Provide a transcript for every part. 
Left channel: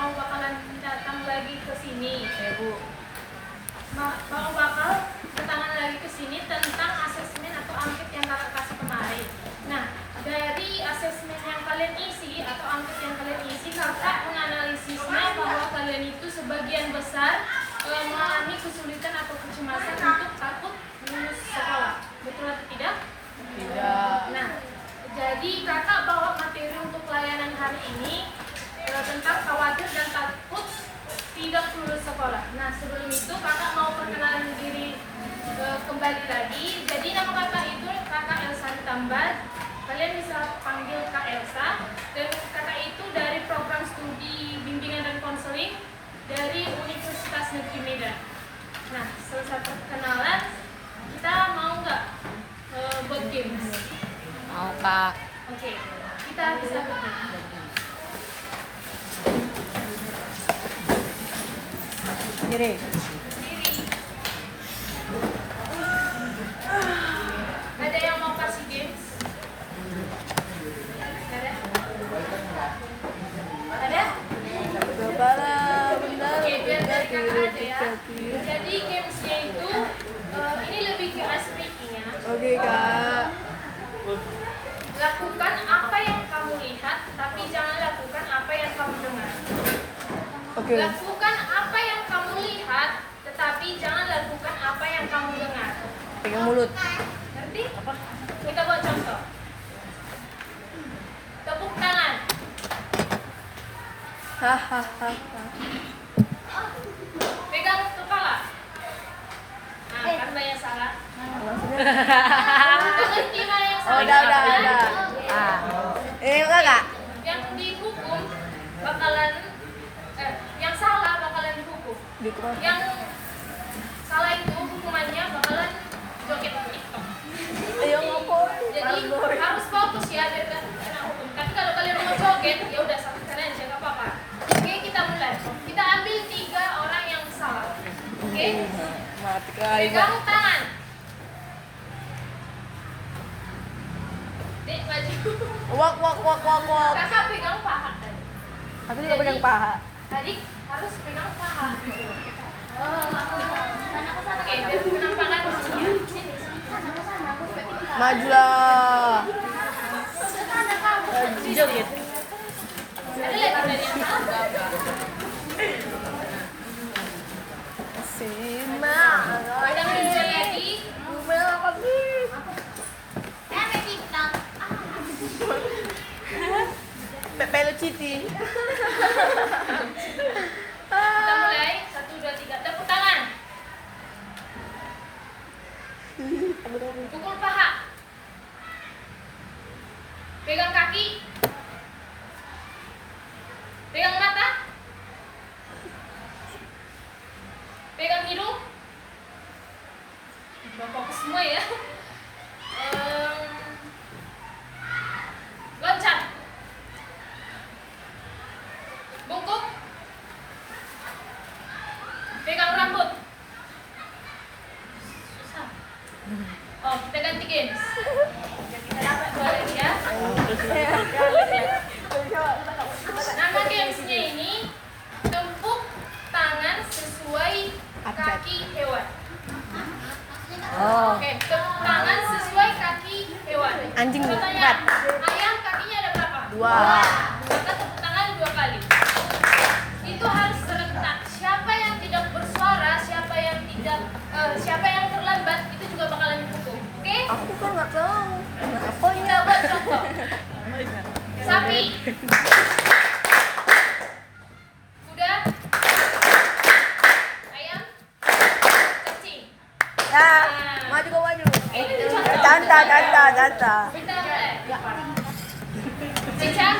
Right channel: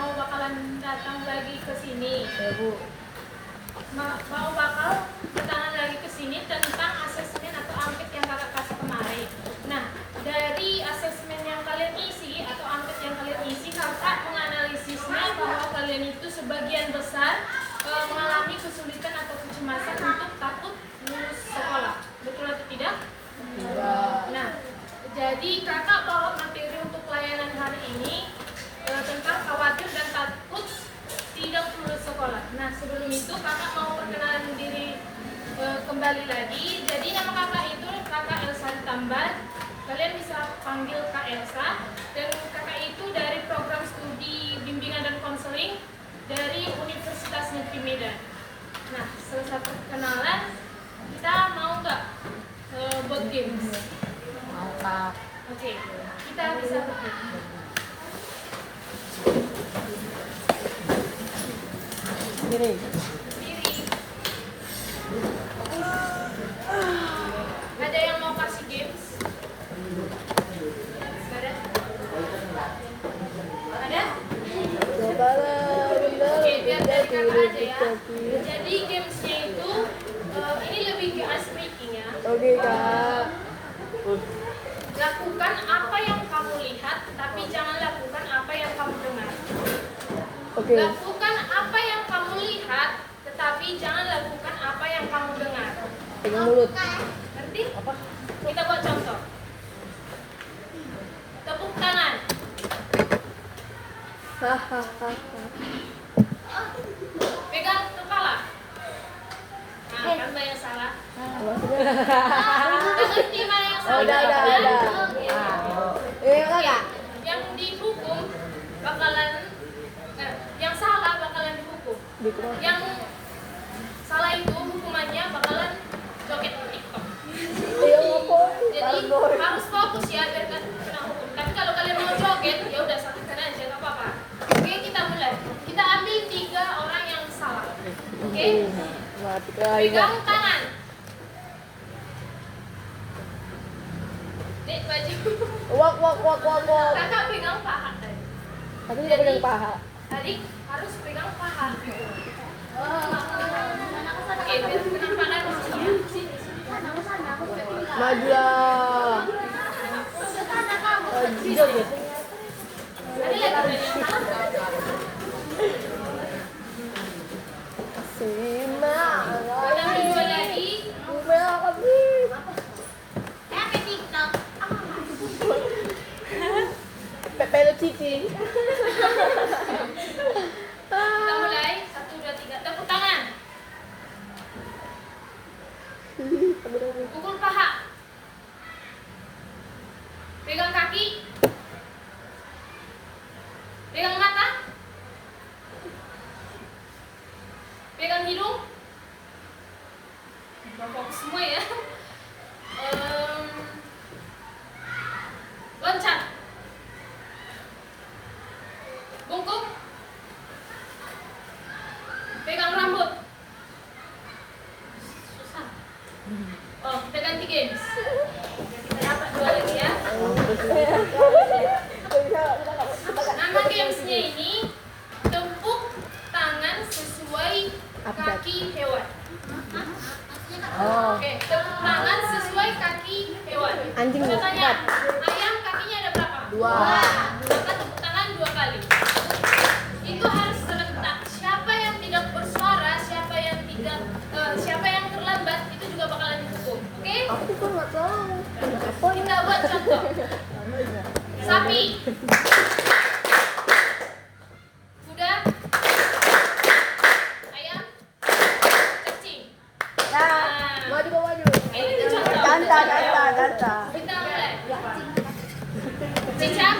mau bakalan datang lagi ke sini. Ya Bu. Mau bakal ketangan lagi ke sini tentang asesmen atau angket yang kakak kasih kemarin. Nah, dari asesmen yang kalian isi atau angket yang kalian isi, kakak menganalisisnya bahwa kalian itu sebagian besar mengalami kesulitan atau kecemasan untuk takut lulus sekolah. Betul atau tidak? Tidak. Nah, jadi kakak bawa materi untuk pelayanan hari ini tentang khawatir dan takut tidak lulus sekolah. Nah, sebelum itu kakak mau perkenalan diri kembali lagi. Jadi nama kakak itu kakak Elsa Tambat. Kalian bisa panggil Kak Elsa. Dan kakak itu dari program studi bimbingan dan konseling dari Universitas Negeri Medan. Nah, selesai perkenalan, kita mau nggak buat games? Mau Kak. Oke, kita bisa buat games. Kiri. Ada yang mau kasih games? Ada? Ada? Cobalah benar. Oke, biar dari kakak aja ya. Jadi gamesnya itu ini lebih ke speaking-nya. Oke Kak. Lakukan apa yang kamu lihat, tapi jangan lakukan apa yang kamu dengar. Oke. Lakukan apa yang kamu lihat, tetapi jangan lakukan apa yang kamu dengar. Pegang mulut. Ngerti? Apa? Kita buat contoh. Tepuk tangan. Hahaha. Pegang kepala. Nah, kan banyak salah. Maksudnya? Ngerti mana yang salah? Udah. Yang Kakak. Yang dihukum bakalan yang salah bakalan dihukum. Yang salah itu hukumannya bakalan joget TikTok. Ayo ngapain? Jadi harus fokus ya biar kan kena hukum. Tapi kalau kalian mau joget, ya udah satu sana aja nggak apa-apa. Oke, kita mulai. Kita ambil 3 orang yang salah. Oke? Mati Kak. Pegang tangan. Dek, baju. Wak. Kakak pegang paha tadi. Aku juga pegang paha. Adik harus pegang paha. Oke, biar pegang paha di sini ya. Majulah. Joget. Ada lagi yang salah? Kita belajar lagi. Pepelo cheating. Kita mulai 1, 2, 3. Tepuk tangan. Pukul paha. Pegang kaki. Pegang mata. Pegang hidung. Fokus semua ya. Loncat. Bungkuk. Pegang rambut. Susah. Oh, kita ganti games. Kita dapat 2 lagi ya. Nama gamesnya ini tepuk tangan sesuai kaki hewan. Oh. Oke, tepuk tangan sesuai kaki hewan. Anjing Pertanyaan, berat. ayam kakinya ada berapa? 2. Maka tepuk tangan 2 kali. Itu harus serentak. Siapa yang tidak bersuara, siapa yang terlambat, itu juga bakalan dihukum. Oke? Aku kan nggak tahu. Kenapa Kita buat contoh. Sapi. Kuda. Ayam. Cacing. Ya, maju. Ini dicontoh. Tanta. Kita mulai. Cicak.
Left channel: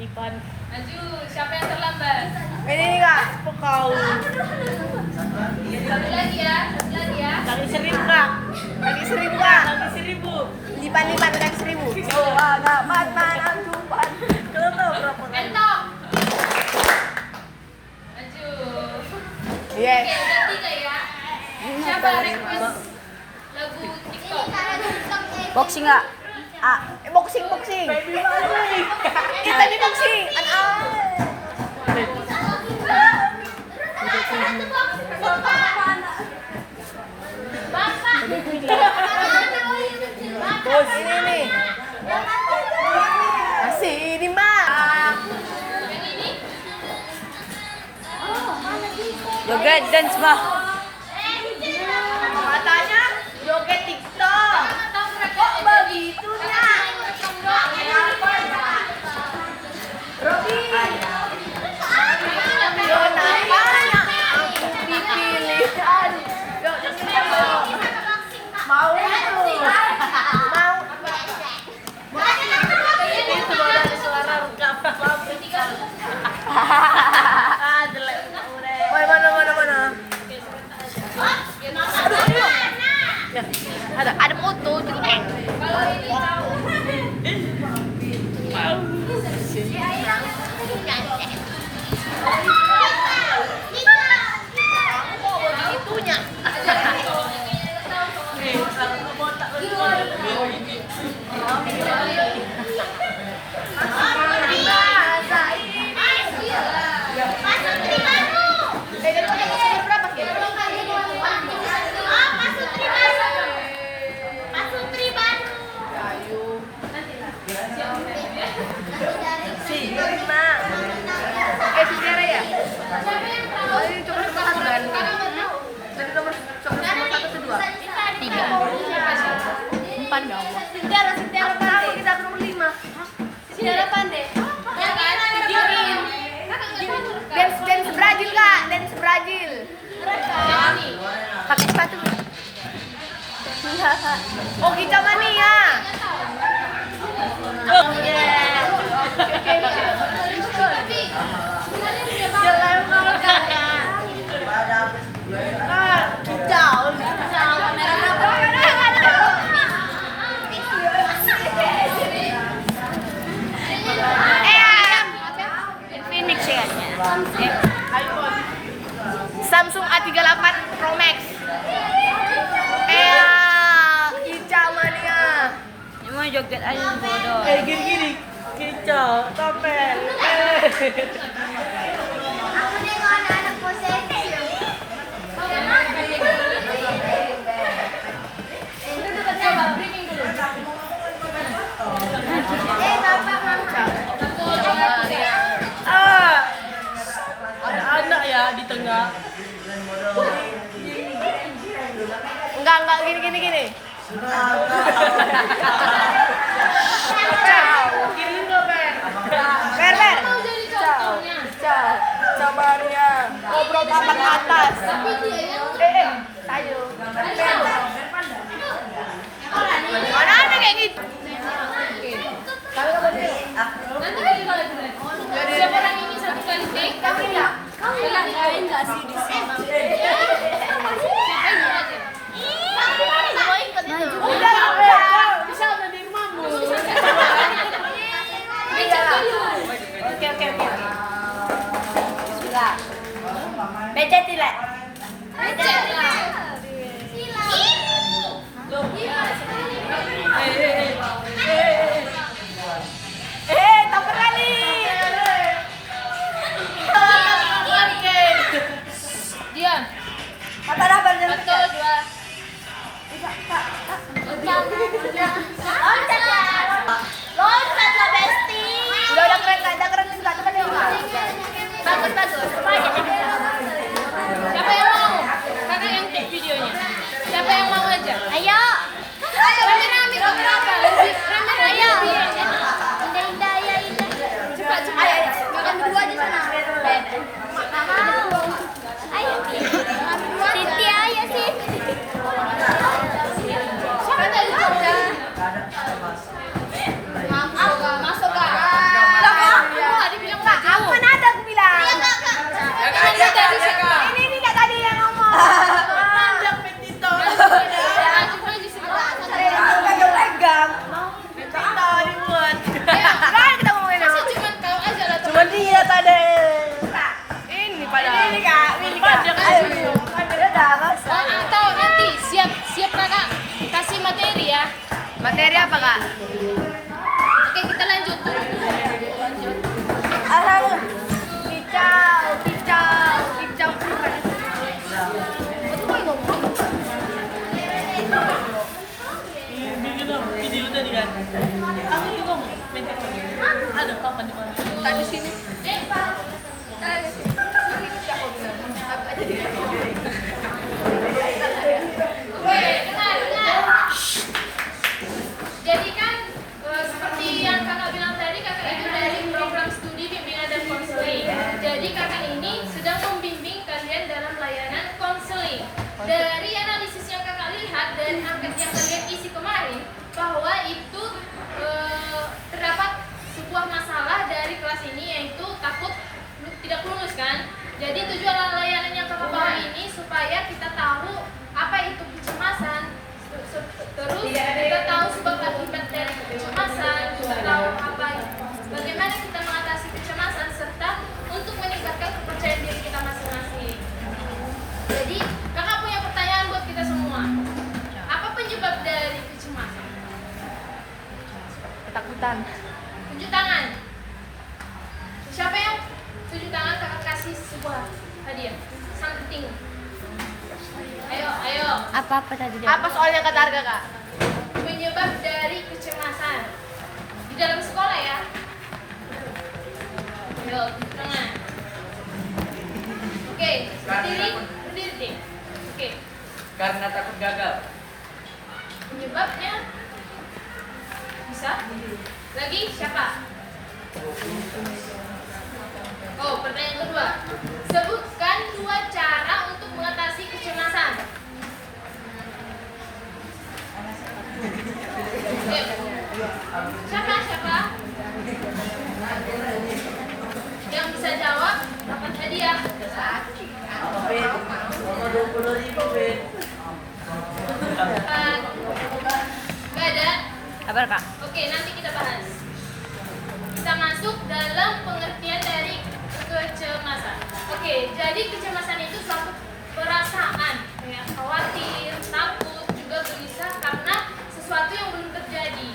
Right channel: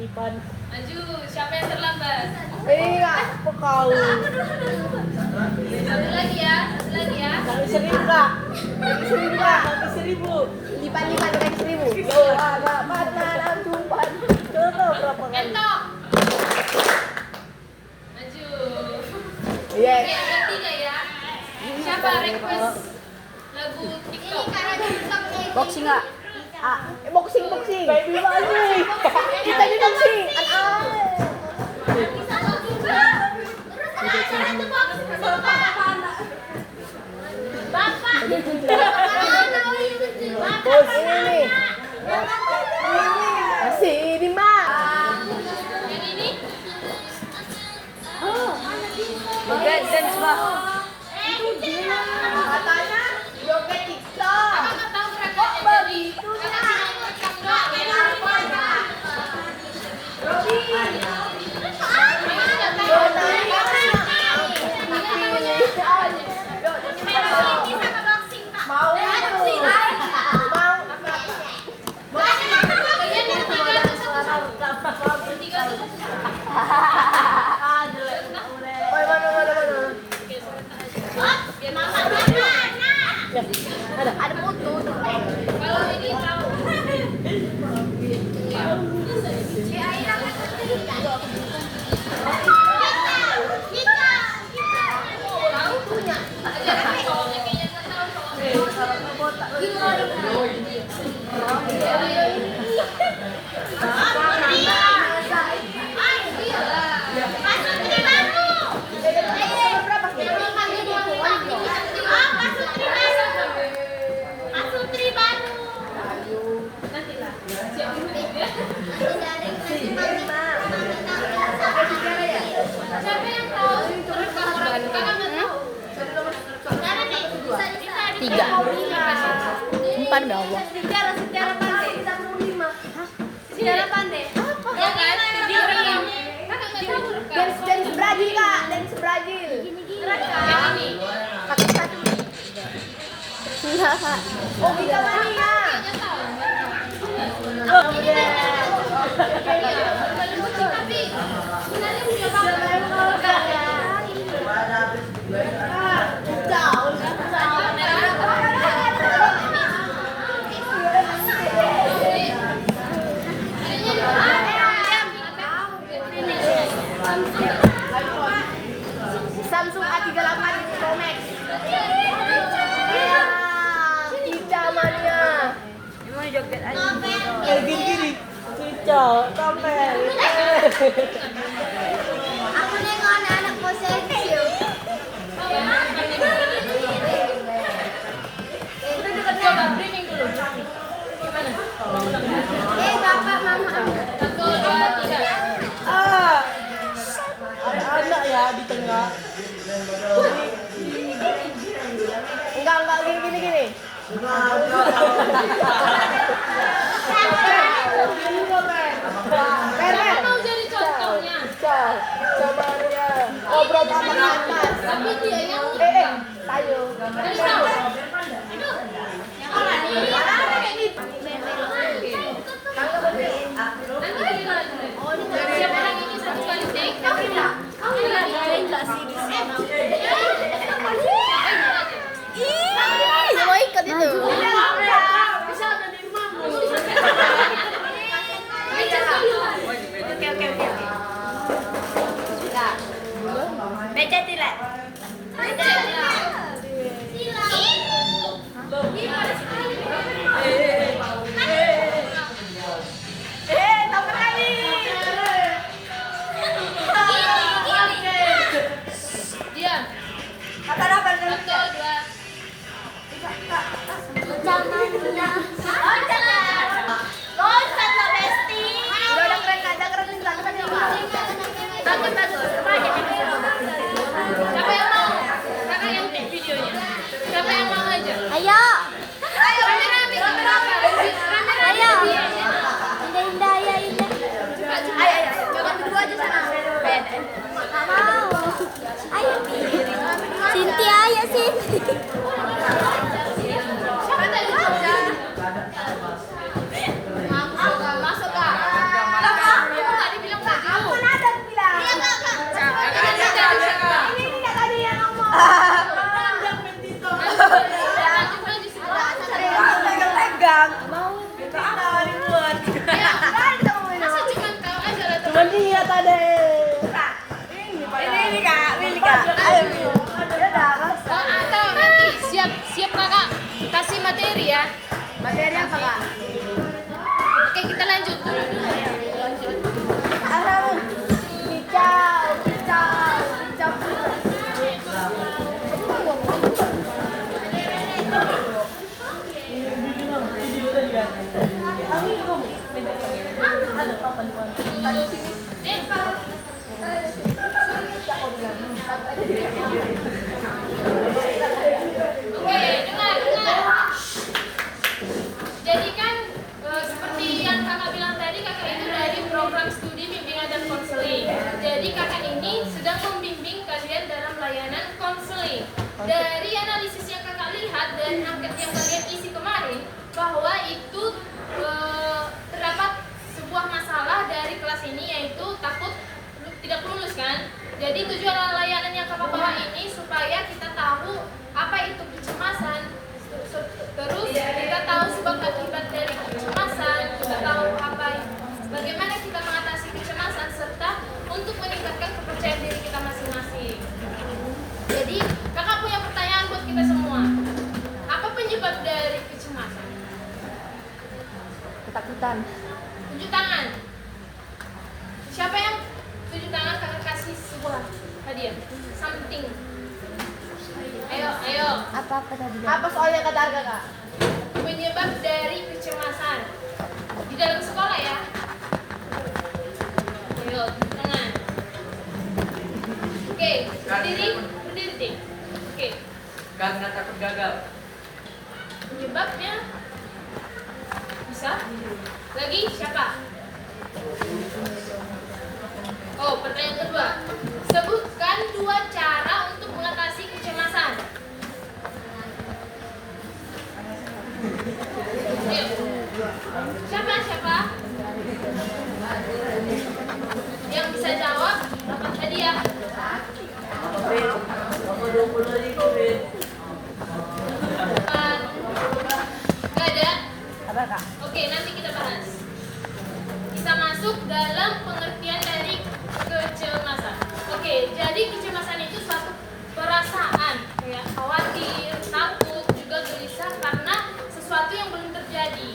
Lipan. Maju. Siapa yang terlambat? Ini Kak, kau. Satu lagi ya. Kali 1.000 Kak. Kali 1.000. Lipan kali 1.000. Yo, agak mana cumpan. Kau tahu berapa kali? Entok. Maju. Yes. Oke, ganti nggak ya? Siapa request lagu TikTok? Boxing nggak? Boxing. Baby boxing. Kita di boxing. Joget dance mah. Katanya joget TikTok. Kok begitunya? Robi. Yonatanya aku dipilihkan. Yuk, nyanyikan dong. Mau itu. Mau. Itu badan suara rekam pabrik. Ah, jelek. Woi, mana. Ya, ada foto tuh. Kalau ini tahu. Itunya. Kalau botak Siapa yang tahu? Kakak nggak tahu. Tiga. Siapa? Empat bawah. Kita ke nomor 5. Kakak nggak tahu. Dance Brazil kak, dance Brazil. Yang ini. Pakai sepatu. Oh kita mania. Nggak tahu. Oh udah. Siapa yang mau kakak? Jauh. Samsung A38 Pro Max. Kicau mania. Ini mau joget aja bodoh. Gini. Kicau, topel. Aku nengok anak-anak posesif. Coba briefing dulu. Bapak mama. Satu, dua, tiga. Ada anak ya di tengah. Enggak gini. Gini enggak, Per. Mau jadi contohnya. Ciao Maria. Ngobrol papan atas. Tapi dia yang Tayo. tadi tahu. Mana ada kayak gitu? Nanti kita lihat. Siapa yang ini satu kali take? Enggak sih di sini. Mau ikut itu. Bisa menerima. Oke. Baca tidak? Tak berani. Diam. Apa? Satu, dua. Udah keren nggak? Siapa yang mau? Kakak yang take videonya. Siapa yang mau aja? Ayo. Rame-rame kenapa? Ayo. Indah, ayo Indah. Cepat. Kakak berdua aja sana. Gak mau. Ayo. Cynthia ayo sih. Siapa tadi coba? Masuk kak. Tadi bilang nggak Aku mau. mana ada aku bilang. Kakak tadi sih kak. Ini nggak tadi yang ngomong. Pandang Petito. Cuma di sini. Pegang. Kita apa dibuat? Kan kita mau main. Masa cuma kau aja lah. Cuman dia tadi. Ini kak. Ini kak. Ayo. Atau nanti siap kakak kasih materi ya. Materi apa kak? Oke kita lanjut. Kicau. Bikin video tadi kan? Aku juga mau main kacang. Ada kapan di mana? Tadi sini. Pak. Siapa bilang? Oke, dengar. Jadi kan seperti yang kakak bilang tadi, kakak itu dari program studi bimbingan dan konseling. Jadi kakak ini sedang membimbing kalian dalam layanan konseling. Dari analisis yang kakak lihat dan angket yang kalian isi kemarin, bahwa itu terdapat sebuah masalah dari kelas ini, yaitu takut tidak lulus kan. Jadi tujuan layanan yang kakak bawa ini supaya kita tahu apa itu kecemasan, terus kita tahu sebab akibat dari kecemasan, kita tahu bagaimana kita mengatasi kecemasan, serta untuk meningkatkan kepercayaan diri kita masing-masing. Jadi kakak punya pertanyaan buat kita semua. Apa penyebab dari kecemasan? Ketakutan. Tunjuk tangan. Siapa yang tunjuk tangan, kakak kasih sebuah hadiah, something. Ayo. Apa tadi? Apa soalnya kata Arga, Kak? Penyebab dari kecemasan di dalam sekolah ya. Ayo, tunjuk tangan. Oke, berdiri deh. Oke. Karena takut gagal. Penyebabnya bisa? Lagi siapa? Oh, pertanyaan kedua. Sebutkan 2 cara untuk mengatasi kecemasan. Ayo. Siapa? Yang bisa jawab dapat hadiah. Gak ada? Kabar Kak? Oke, nanti kita bahas. Kita masuk dalam pengertian dari kecemasan. Oke, jadi kecemasan itu suatu perasaan kayak khawatir, takut, juga gelisah karena sesuatu yang belum terjadi.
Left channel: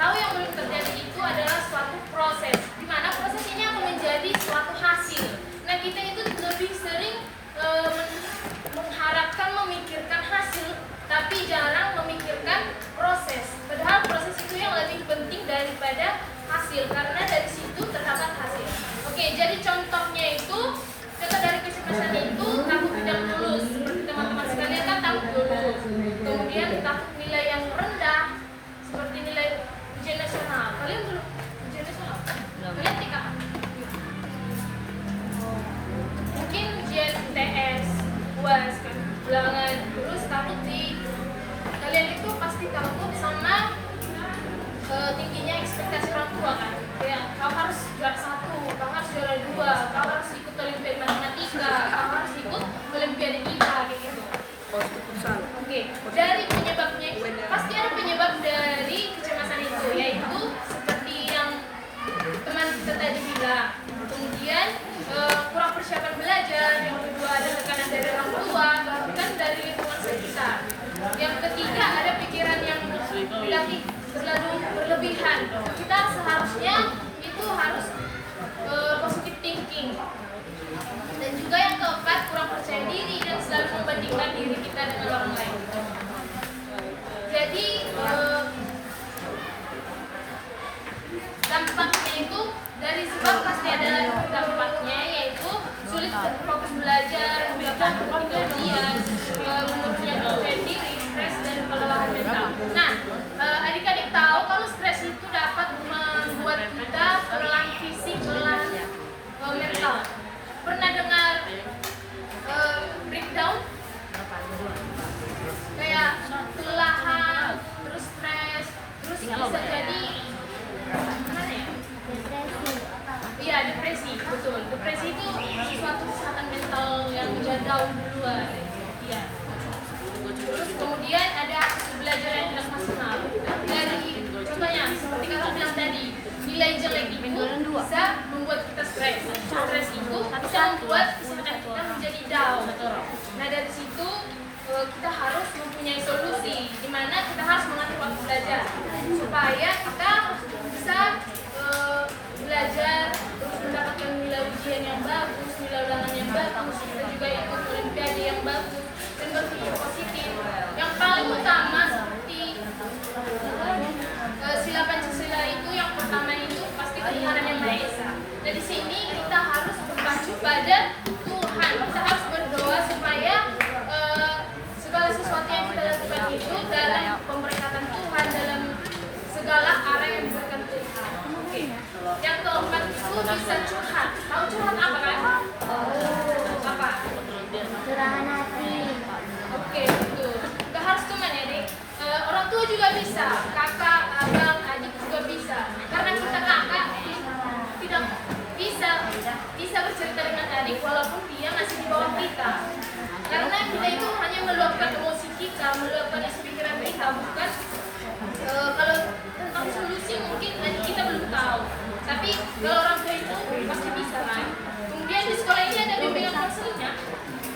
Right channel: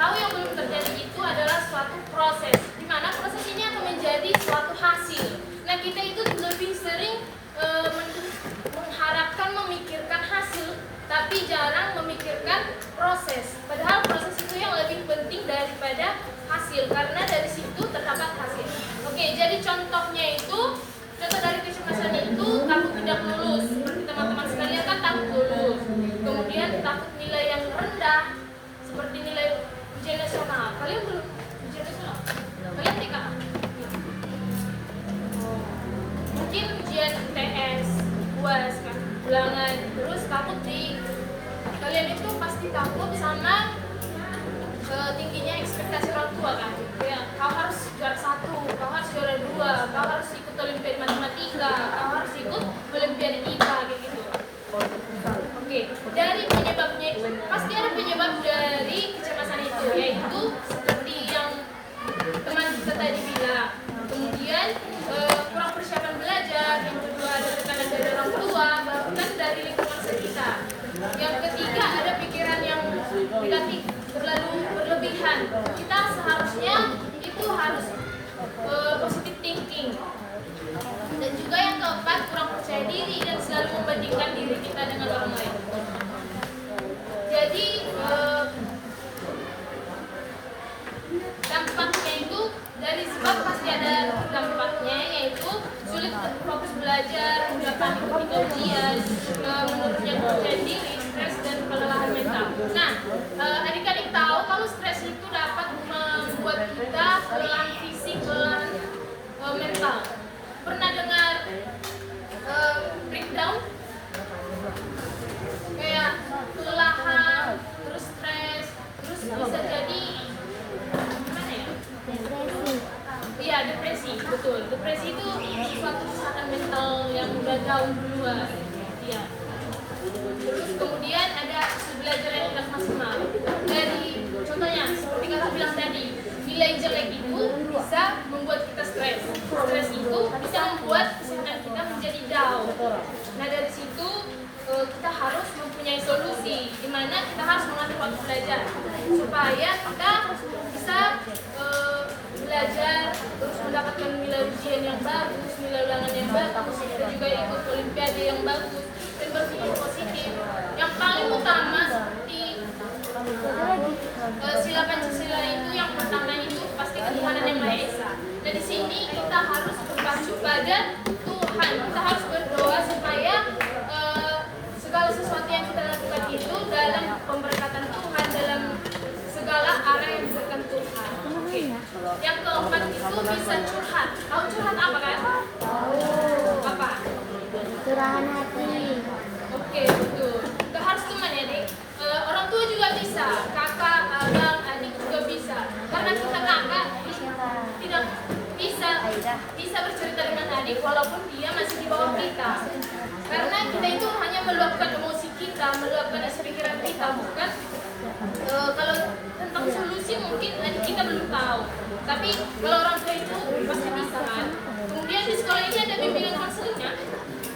Tahu yang belum terjadi itu adalah suatu proses, di mana proses ini akan menjadi suatu hasil. Nah, kita itu lebih sering mengharapkan memikirkan hasil, tapi jarang memikirkan proses. Padahal proses itu yang lebih penting daripada hasil, karena dari situ terdapat hasil. Oke, jadi contohnya itu, contoh dari kecemasan itu takut tidak lulus. Seperti teman-teman sekalian kan takut lulus. Kemudian takut nilai yang rendah, seperti nilai ujian nasional. Kalian belum ujian nasional? Kalian TK? Mungkin ujian UTS, UAS kan, ulangan. Terus takut kalian itu pasti takut sama tingginya ekspektasi orang tua kan. Kayak kau harus juara 1, kau harus juara 2, kau harus ikut olimpiade matematika, kau harus ikut olimpiade IPA kayak gitu. Oke, dari penyebabnya pasti ada penyebab dari kecemasan itu, yaitu seperti yang teman kita tadi bilang. Kemudian kurang persiapan belajar, yang kedua ada tekanan dari orang tua, bahkan dari lingkungan sekitar. Yang ketiga ada pikiran yang negatif, terlalu berlebihan. Kita seharusnya itu harus positive thinking. Dan juga yang keempat kurang percaya diri dan selalu membandingkan diri kita dengan orang lain. Jadi dampaknya itu dari sebab pasti ada dampaknya, yaitu sulit fokus belajar, gampang kemudian menurunnya percaya diri, stres dan kelelahan mental. Nah, adik-adik tahu kalau stres itu dapat membuat kita kelelahan fisik, kelelahan mental. Pernah dengar breakdown? Kayak kelelahan, terus stres, terus bisa jadi gimana ya? Iya, depresi, betul. Depresi itu suatu kesehatan mental yang down duluan. Iya. Terus kemudian ada hasil belajar yang tidak maksimal. Dari contohnya, seperti kakak bilang tadi, nilai jelek itu bisa membuat kita stres. Stres itu bisa membuat kesehatan kita menjadi down. Nah, dari situ kita harus mempunyai solusi, di mana kita harus mengatur waktu belajar supaya kita bisa belajar, terus mendapatkan nilai ujian yang bagus, nilai ulangan yang bagus, kita juga ikut olimpiade yang bagus, dan berpikir positif. Yang paling utama seperti sila Pancasila itu, yang pertama itu pasti ketuhanan yang Maha Esa. Nah, di sini kita harus berpacu pada Tuhan, kita harus keempat itu dalam pemberkatan Tuhan, dalam segala arah yang diberikan Tuhan. Oke. Yang keempat itu bisa curhat. Tahu curhat apa kan? Apa? Curahan hati. Oke, betul. Gak harus teman ya, Dek. Orang tua juga bisa, kakak, abang, adik juga bisa. Karena kita kakak tidak bisa bercerita dengan adik walaupun dia masih di bawah kita. Karena kita itu hanya meluapkan emosi kita, meluapkan isi pikiran kita, bukan kalau tentang solusi mungkin adik kita belum tahu. Tapi kalau orang tua itu pasti bisa kan. Kemudian di sekolah ini ada bimbingan konselingnya.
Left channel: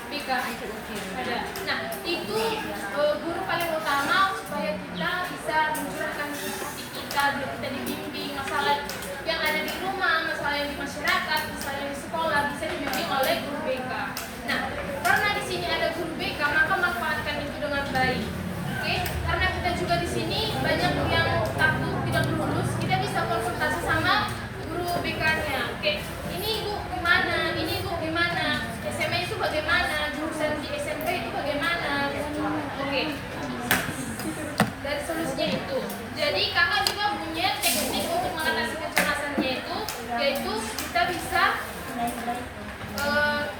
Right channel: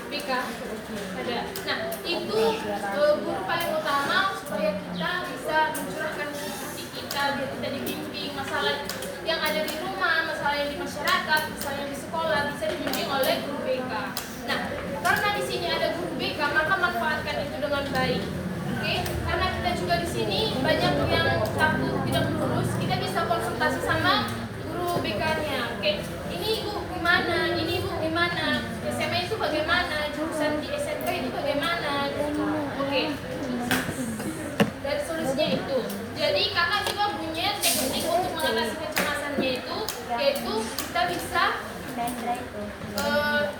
Bika ada. Nah itu guru paling utama supaya kita bisa mencurahkan hati kita, biar kita dibimbing masalah yang ada di rumah, masalah yang di masyarakat, masalah yang di sekolah bisa dibimbing oleh guru BK. Nah karena di sini ada guru BK maka manfaatkan itu dengan baik. Oke? Karena kita juga di sini banyak yang takut tidak lulus, kita bisa konsultasi sama guru BK-nya. Oke, ini ibu gimana? Ini ibu gimana? SMA itu bagaimana? Jurusan di SMP itu bagaimana? Oke. Dari solusinya itu. Jadi kakak juga punya teknik untuk mengatasi kecemasannya itu, yaitu kita bisa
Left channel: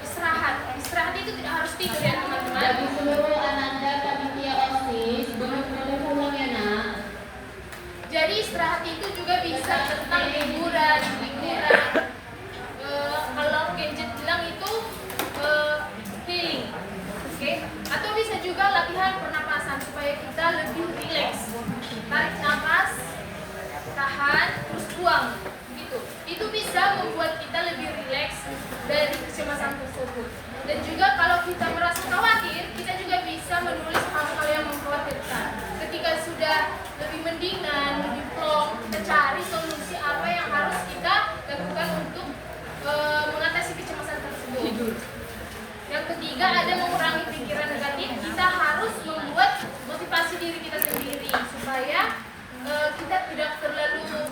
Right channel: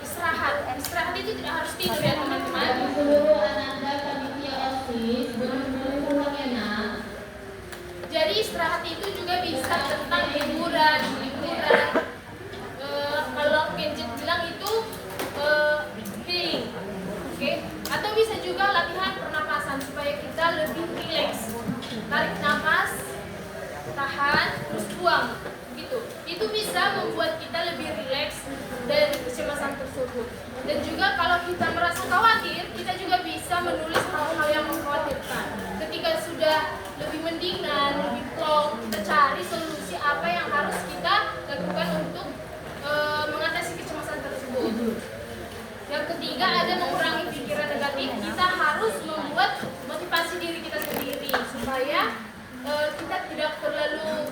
istirahat. Istirahat itu tidak harus tidur ya teman-teman. Jadi istirahat itu juga bisa tentang hiburan. Kalau gadget bilang itu healing, oke? Atau bisa juga latihan pernapasan supaya kita lebih rileks. Tarik nafas, tahan, terus buang, gitu. Itu bisa membuat kita lebih rileks dari kecemasan tersebut. Dan juga kalau kita merasa khawatir, kita juga bisa menulis hal-hal yang mengkhawatirkan. Ketika sudah lebih mendingan, lebih plong, kita cari solusi apa yang harus kita lakukan untuk mengatasi kecemasan tersebut. Yang ketiga ada mengurangi pikiran negatif. Kita harus membuat motivasi diri kita sendiri supaya kita tidak terlalu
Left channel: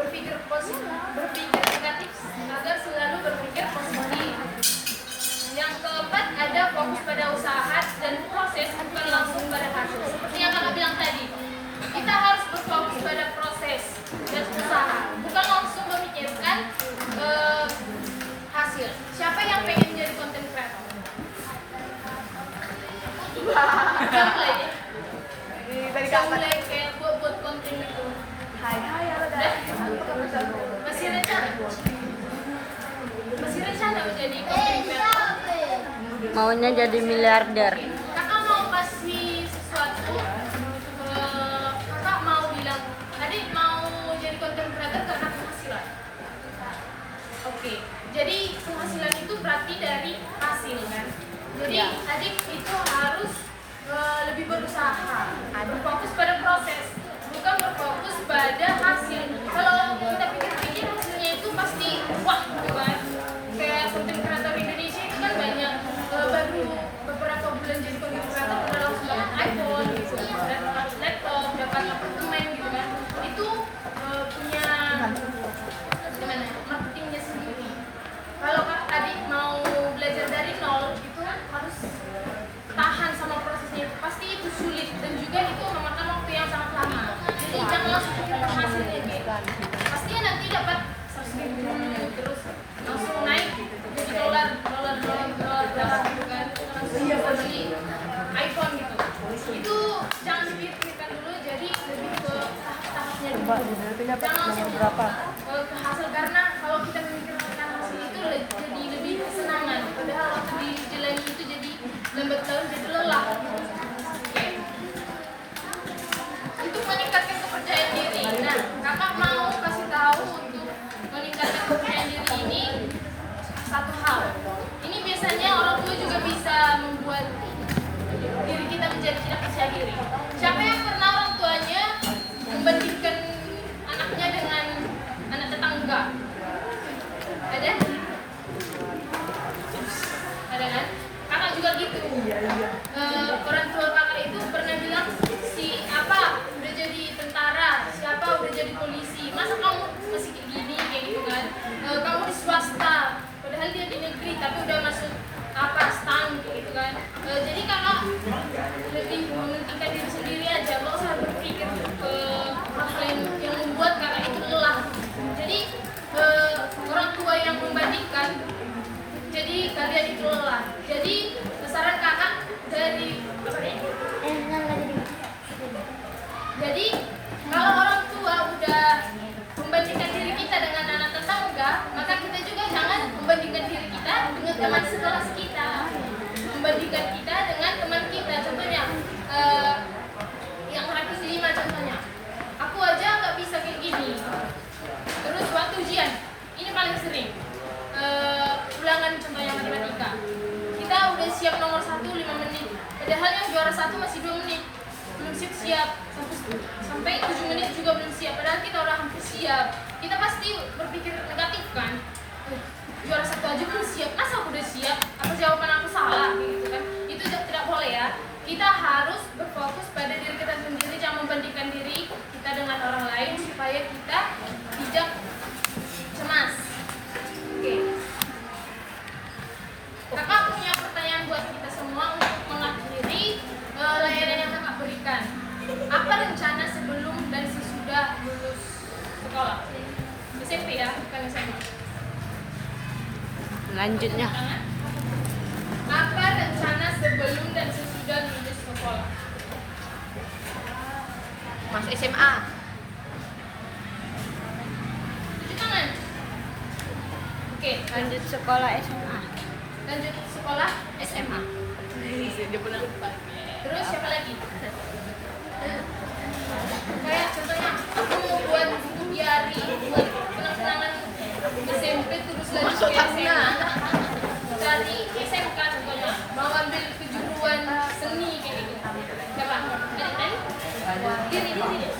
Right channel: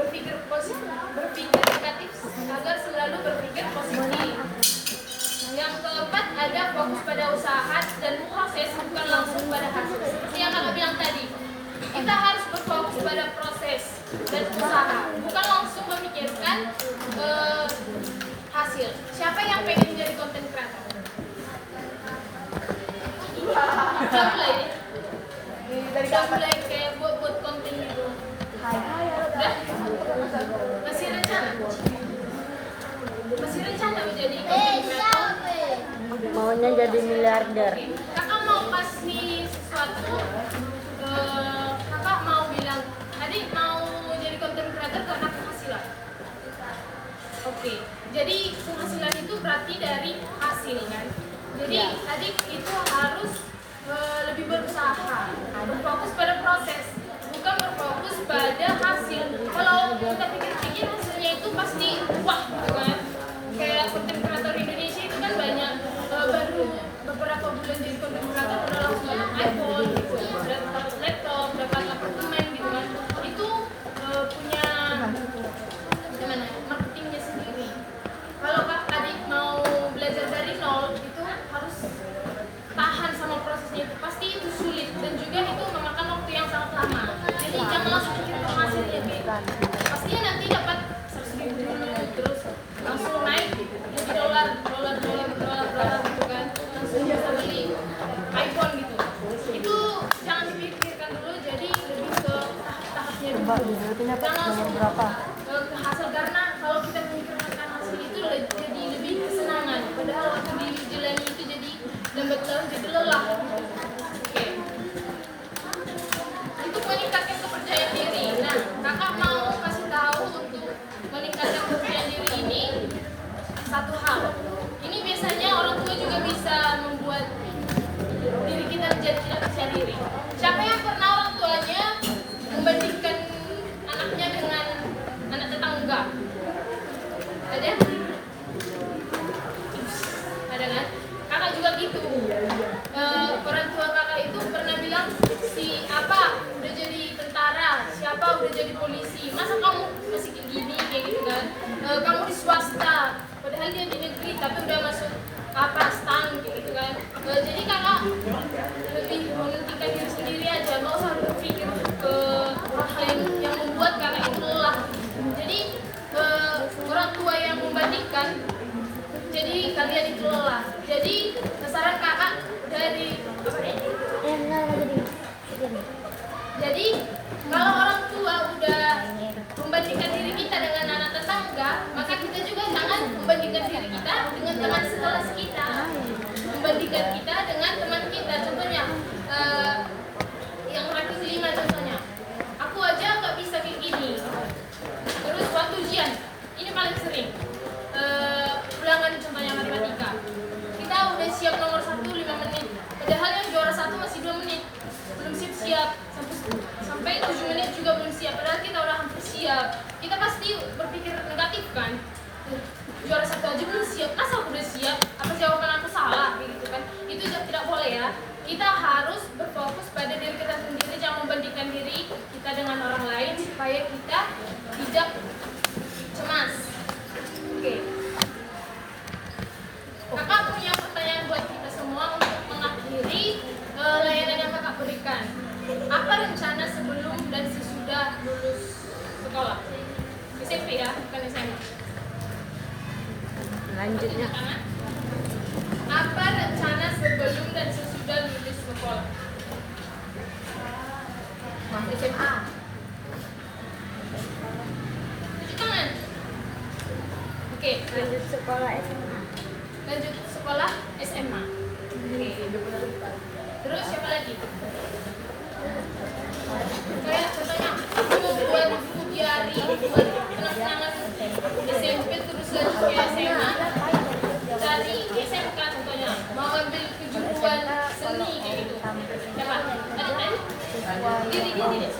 berpikir negatif, agar selalu berpikir positif. Yang keempat ada fokus pada usaha dan proses, bukan langsung pada hasil. Seperti yang kakak bilang tadi, kita harus berfokus pada proses dan usaha, bukan langsung memikirkan hasil. Siapa yang pengen jadi content creator? Mulai deh. Dari Bisa kapan? mulai kayak buat konten gitu. Hai, halo dah. Masih rencana? Masih rencana menjadi content creator? Maunya jadi miliarder. Kakak mau kasih sesuatu, kakak mau bilang, adik mau jadi content creator karena penghasilan. Oke, jadi penghasilan itu berarti dari hasil kan. Jadi adik itu harus lebih berusaha, berfokus pada proses, bukan berfokus pada hasil. Kalau kita pikir-pikir hasilnya itu pasti wah, gitu kan. Kayak content creator Indonesia itu kan banyak, baru beberapa bulan jadi content creator udah langsung dapat iPhone gitu, dapat laptop, dapat apartemen gitu kan. Itu punya gimana marketingnya sendiri. Kalau adik mau belajar dari nol itu harus tahan sama prosesnya, itu pasti itu sulit dan juga itu memakan waktu yang sangat lama. Jadi jangan langsung pikirkan hasilnya gitu. Pastinya nanti dapat 100.000 dulu, terus langsung naik jadi dolar gitu kan, langsung bisa beli iPhone gitu. Itu jangan dipikirkan dulu, jadi lebih ke tahap-tahapnya dulu. Jangan langsung ke hasil, karena kalau kita memikirkan hasil itu jadi lebih kesenangan, padahal waktu dijalani itu jadi lambat laun jadi lelah. Oke. Untuk meningkatkan kepercayaan diri, nah kakak mau kasih tahu untuk meningkatkan kepercayaan diri ini satu hal. Ini biasanya orang tua juga bisa membuat diri kita menjadi tidak percaya diri. Siapa yang pernah orang tuanya membandingkan anaknya dengan anak tetangga? Ada? Ada kan? Kakak juga gitu. Orang tua kakak itu pernah bilang, si apa udah jadi tentara, siapa udah jadi polisi, masa kamu masih kayak gini, kayak gitu kan. Kamu di swasta, padahal dia di negeri tapi udah masuk apa stang gitu kan. Jadi kakak lebih mementingkan diri sendiri aja, nggak usah berpikir ke hal-hal yang membuat kakak itu lelah. Jadi orang tua yang membandingkan, jadi kalian itu lelah. Jadi saran kakak dari apa nih? Jadi kalau orang tua udah membandingkan diri kita dengan anak tetangga, maka kita juga jangan membandingkan diri kita dengan teman sekelas kita, membandingkan kita dengan teman kita. Contohnya yang laki 5 contohnya, aku aja nggak bisa kayak gini. Terus waktu ujian, ini paling sering ulangan contohnya matematika, kita udah siap nomor 1 5 menit, padahal yang juara 1 masih 2 menit, belum siap sampai 7 menit juga belum siap, padahal kita udah hampir siap. Kita pasti berpikir negatif kan, juara 1 aja belum siap, masa aku udah siap, apa jawaban aku salah gitu kan. Itu tidak boleh ya. Kita harus berfokus pada diri kita sendiri, jangan membandingkan diri kita dengan orang lain supaya kita tidak cemas. Oke. Kakak punya pertanyaan buat kita semua untuk mengakhiri layanan yang kakak berikan. Apa rencana sebelum dan sesudah lulus sekolah? SMP ya, bukan SMA. Lanjutnya. Apa rencana sebelum dan sesudah lulus sekolah? Masuk SMA. Cuci tangan. Oke, Lanjut sekolah SMA. lanjut sekolah SMA. Terus siapa lagi? Kayak contohnya aku mau buat buku diary, buat kenang-kenangan SMP, terus lanjut ke SMA. Dari SMK contohnya mau ambil kejuruan seni kayak gitu. Siapa? Tadi? Diri deh.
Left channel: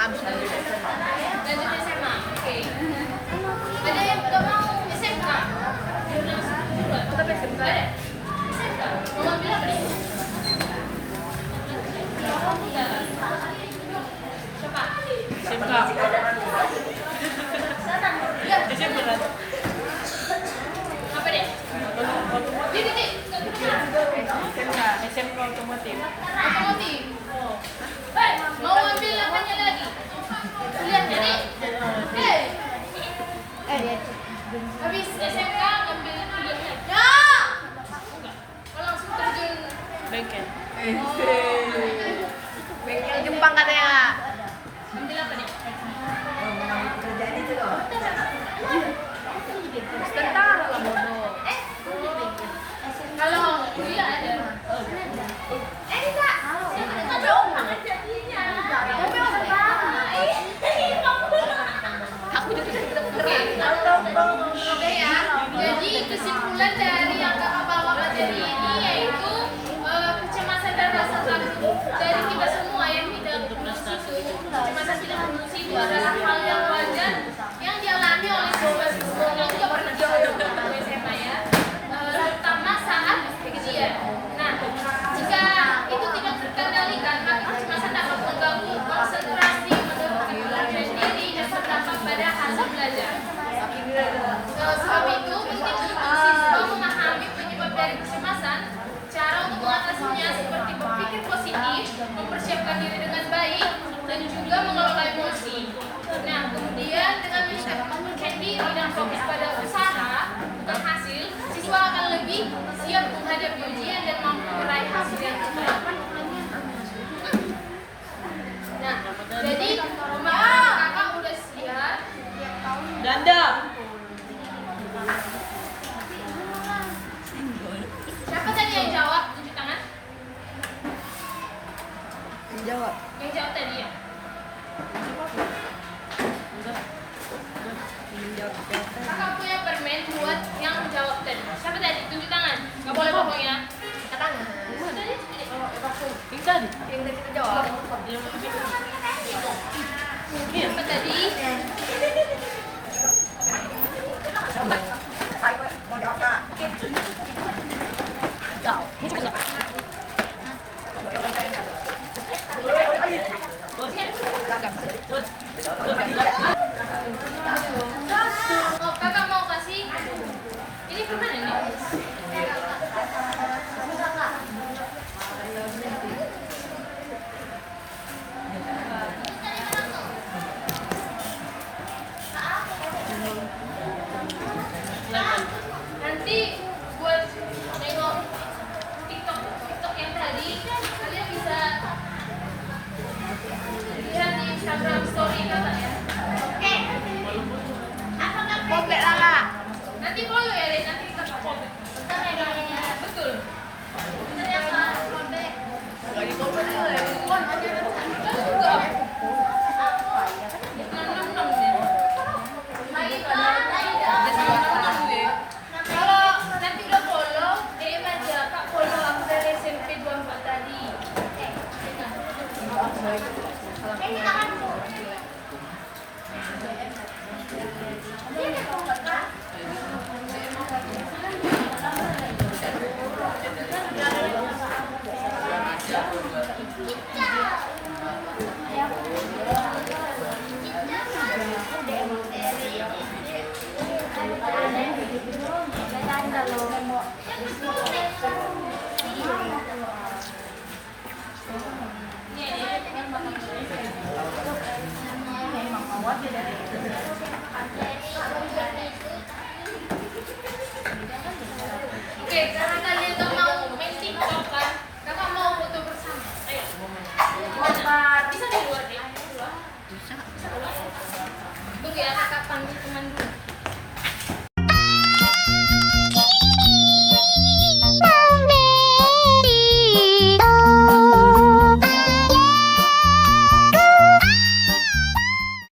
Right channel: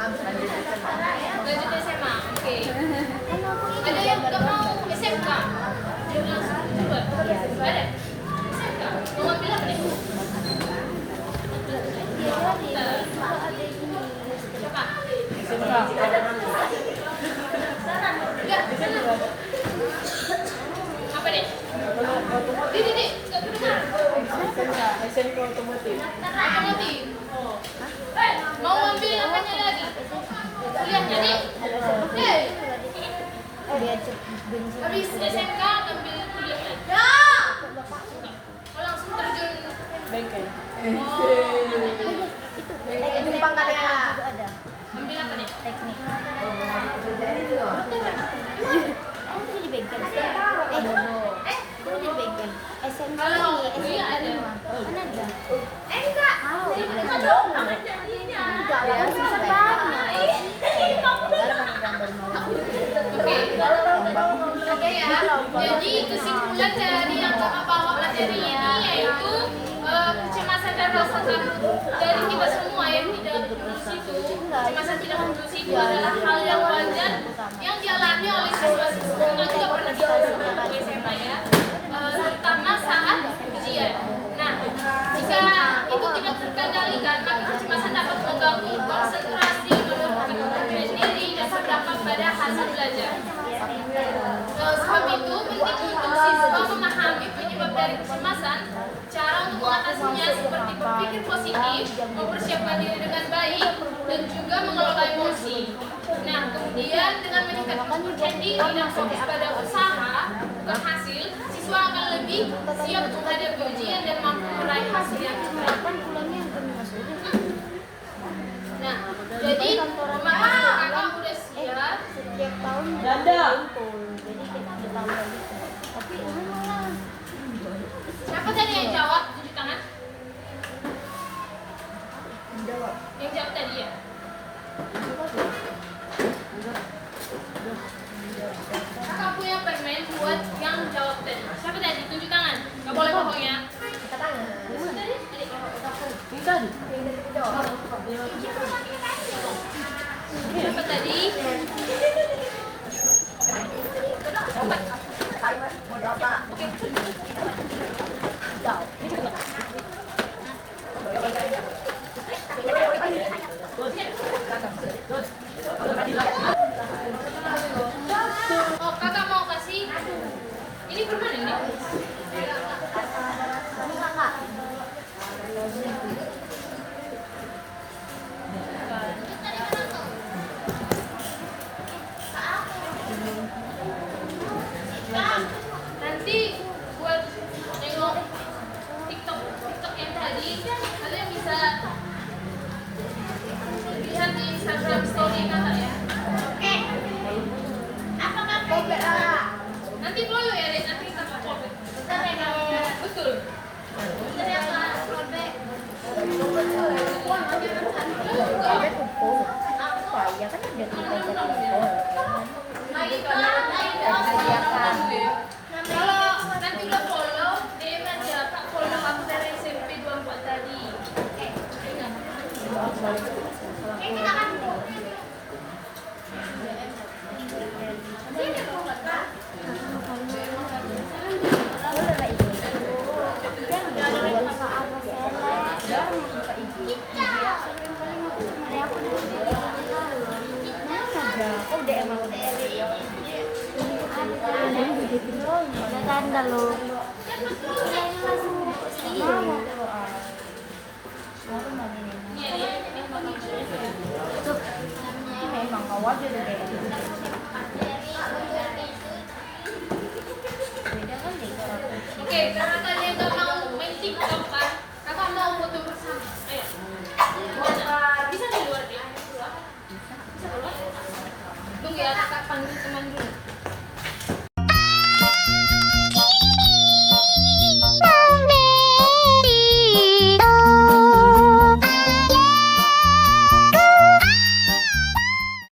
Habis Lanjut SMA. Oke. Ada yang nggak mau SMK? Biar langsung kejuruan. Ada. SMK. Mau ambil apa nih? Siapa? SMK. Ya, apa deh? Didi, nggak kedengeran. SMK otomotif. Otomotif. Mau ambil apanya lagi? Kuliahnya nih? Habis SMK ambil kuliah lagi? Ya! Oh, langsung terjun Bengkel. bengkel Jepang katanya. ambil apa nih? Tentara lah bodoh. Kalau kuliah ada. Enggak. Ada orang jadinya. Aku juga Oke ya. Jadi kesimpulan dari yang kakak bawa materi ini yaitu kecemasan dan rasa takut dari kita semua yang tidak lulus itu. Kecemasan tidak lulus itu adalah hal yang wajar yang dialami oleh siswa-siswa yang juga pernah di SMA ya. Terutama saat ujian. Nah, jika itu tidak terkendalikan, maka kecemasan dapat mengganggu konsentrasi, menurunkan diri dan berdampak pada hasil belajar. Sebab itu penting untuk siswa memahami penyebab dari kecemasan, cara untuk mengatasinya seperti berpikir positif, mempersiapkan diri dengan baik, dan juga mengelola emosi. Nah, kemudian dengan meningkatkan diri dan fokus pada usaha, bukan hasil, siswa akan lebih siap menghadapi ujian dan mampu meraih hasil yang baik. Nah, jadi pemahaman kakak udah siap. Danda. Siapa tadi yang jawab? Tunjuk tangan. Jawab. Yang jawab tadi ya? Kakak punya permen buat yang jawab tadi. Siapa tadi? Tunjuk tangan. Gak boleh bohong ya. Angkat tangan. Tadi? Yang tadi kita jawab. Siapa tadi? Oh, kakak mau kasih ini permen ini? Nanti buat nengok TikTok yang tadi, kalian bisa lihat di Instagram story kakak ya. Kopek Lala. Nanti follow ya, Dek. Nanti kakak follow. Bentar ya, Kak. Betul. Bentar ya, Kak. Robek. Kalau nanti udah follow, DM aja, Kak, follow aku dari SMP 24 tadi. Ada tanda loh.